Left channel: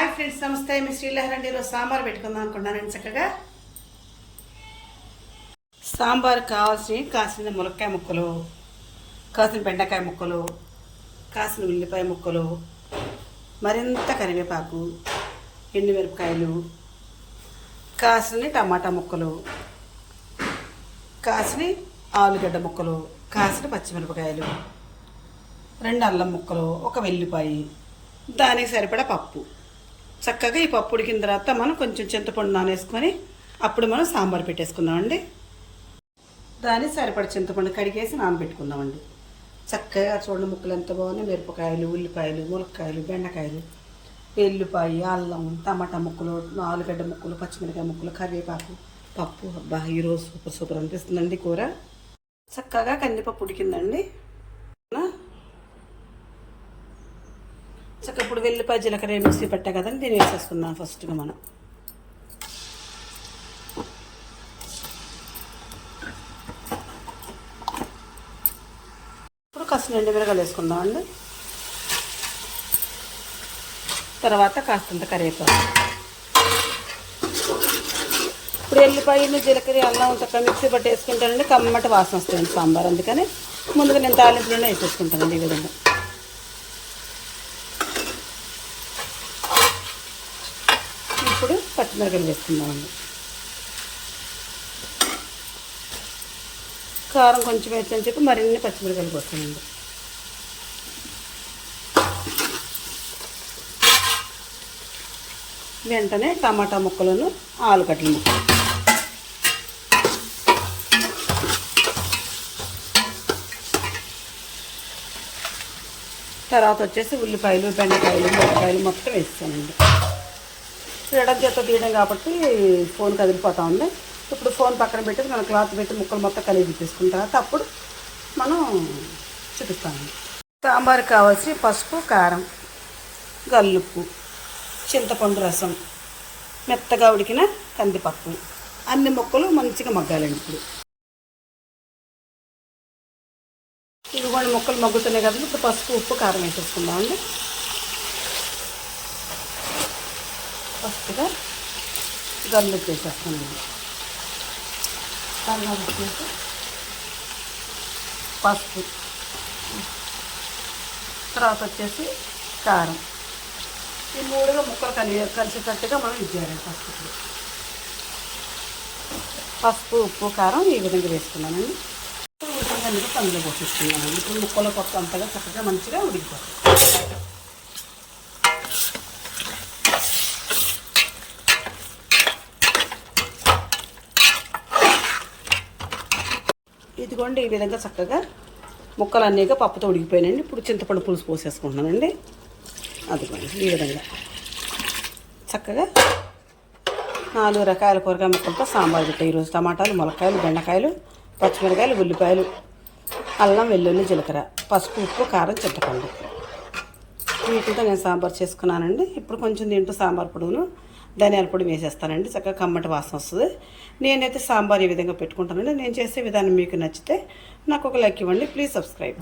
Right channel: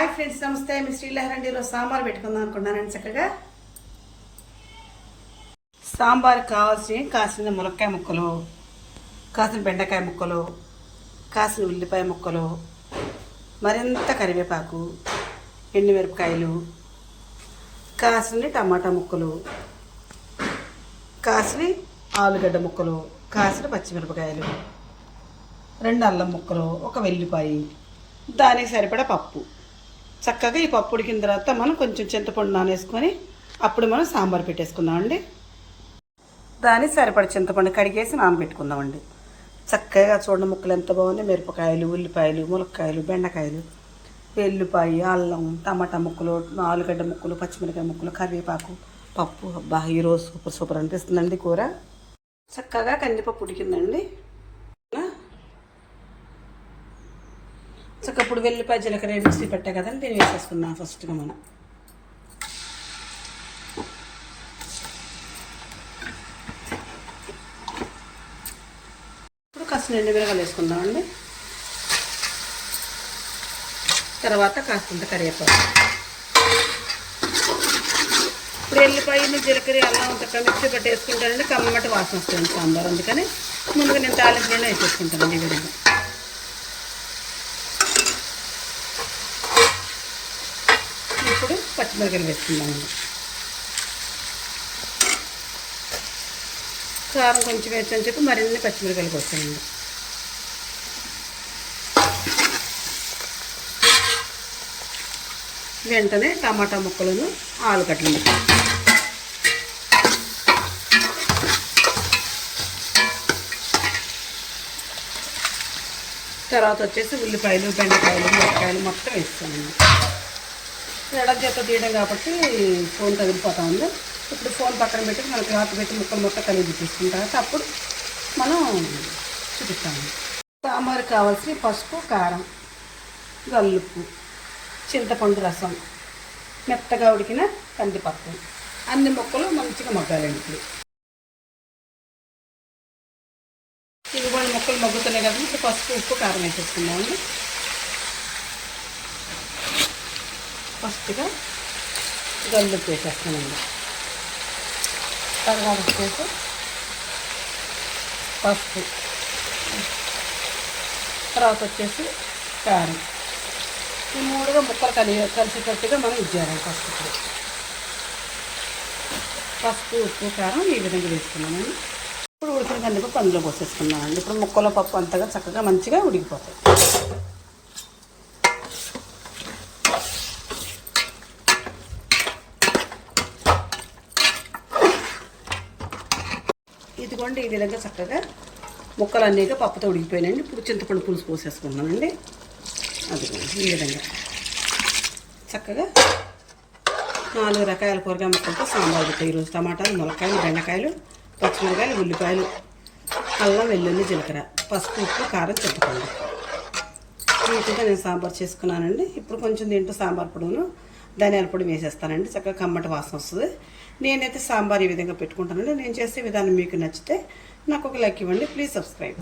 Hi friends, నమస్తే. మీ శ్రీలహరి ఈరోజు సాంబార్ పెట్టుకుందాం అనుకున్నానండి. చక్కగా సాంబార్ కాసిన ములక్కాయ ముక్కలు, కాసిన బెండకాయ ముక్కలు, కాసిన ఉల్లిపాయ ముక్కలు, మరింత కరివేపాకు, ఎండుమిరపకాయలు, కాసిన టమాటా ముక్కలు, కాసిన ఆలుగడ్డ ముక్కలు, కాసిన పచ్చిమిరపకాయలు, 2 అల్లం ముక్కలు, 1 వెల్లిపాయ, దానికి సరిపడా పప్పు. చక్కగా ఈ పప్పు ఉడికిన తర్వాత మనం కొంచెం చింతపండు నానేసుకొని అప్పుడు మనం సాంబార్ పెట్టేసుకుందామండి. దానికి సరిపడ చింతపండు కడిగేసి నానబెట్టుకుందామండి. చక్కగా చూడండి, ముక్కలు ఎంత బాగున్నాయి. మిరపకాయలు, ఉల్లిపాయలు, ములక్కాయలు, బెండకాయలు, వెల్లిపాయ, అల్లం, టమాటా ముక్కలు, ఆలుగడ్డ ముక్కలు, పచ్చిమిరపకాయ ముక్కలు, కరివేపాకు, పప్పు. అబ్బా, ఈరోజు సూపర్ అనిపిస్తుందండి కూర. చక్కగా కందిపప్పు ఉడికిందండి. చక్కగా ఇప్పుడు వెల్లిపాయ జీలకర్ర మిక్సీ పెట్టా కదండి, దీన్ని వేసేసుకుందాం ఫస్ట్గా మనం. ఇప్పుడు కాస్త ఎండుమిరపకాయలు వేసుకుందామండి. తర్వాత కాస్తంత కరివేపాకు. ఇప్పుడు ఎల్లిపాయలు, జీలకర్ర, అల్లం చక్కగా మిక్సీ పట్టి వేసుకుంటానండి. కమ్మటి వాసన వస్తుంది సాంబార్. అందుకని ముందుగా నేను తాలింపులోనే వేసేసుకుంటానండి ఈ విధంగా. ఇప్పుడు పచ్చిమిరపకాయలు వేసుకుందామండి. కారం కొంచెం వేసుకొని చెప్పి మరిన్ని పచ్చిమిరపకాయలు పోస్తానండి. వెంటనే టమాటా ముక్కలను, ఆలుగడ్డ ముక్కలు, తర్వాత వచ్చేసి ఉల్లిపాయలు, బెండకాయలు, మిరపకాయలు మొత్తం వేస్తానండి. ఎడం చేత తీయడం కాబట్టి ఫోన్ కదిలిపోతూ ఉంది. ఇప్పుడు ఫోన్ పక్కన పెట్టి మనం క్లాత్ పెట్టి ముక్కలు మొత్తం కలిగి తీసుకున్న తర్వాత అప్పుడు మనం చూపిస్తాము. సాంబార్కి కావాల్సి పసుపు, కారం, గల్లుప్పు, చింతపండు రసం, మెత్తగా ఉడికిన కందిపప్పు, అన్ని ముక్కలు మంచిగా మగ్గాలండి. ఇప్పుడు ఇవి కొన్ని ముక్కలు మగ్గుతున్నాయి కదా, ఇప్పుడు పసుపు, ఉప్పు, కారం వేసేసుకుందామండి. ఫస్ట్గా గల్లుప్పు వేసేస్తానండి. తర్వాత వచ్చేసి పసుపు, తర్వాత వచ్చేసి కారం. ఈ 3గా ముక్కలు కలిసేటట్టుగా మనం ఇచ్చేయాలి. ఫస్ట్ ఇప్పుడు పసుపు, ఉప్పు, కారం ఈ విధంగా వేసుకున్నానండి. ఇప్పుడు ఉడికినందుకు అందులో పోసేసుకున్నానండి. ఇప్పుడు ముక్కల పప్పు అంతగా చక్కగా మంచిగా ఉడికిపోతుంది. ఇదిగోండి, ఈ విధంగా చక్కగా ముక్కలు అన్నీగా పప్పుతో ఉడికిపోయినాయండి. ఇప్పుడు చింతపండు పులుసు పోసేసుకుంటున్నానండి. అదిగోండి, ఈ విధంగా చక్కగా 4 రకాల కూరగాయ ముక్కలతో సాంబార్ పెట్టాయి ఈరోజు. టమాటాలు, ములక్కాయలు, బెండకాయలు, పచ్చిమిరకాయలు, ఉల్లిపాయలు, అల్లం, వెల్లుల్లి, జీలకర్ర, పసుపు, ఉప్పు, కారం, చింతపండు వీటితో నేను సాంబార్ చేసుకున్నానండి. ఇప్పుడు కొంచెం దీంట్లో సాంబార్ పొడును, ధనియాల పొడి వేసేస్తానండి. చక్కగా కమ్మటి వాసన వస్తుంది. నేనైతే సాంబార్ ఈ విధంగా పెట్టుకుంటానండి. నేను చేసే విధానం మీకు నచ్చితే నాకు ఒక లైక్ ఇవ్వండి. Please subscribe.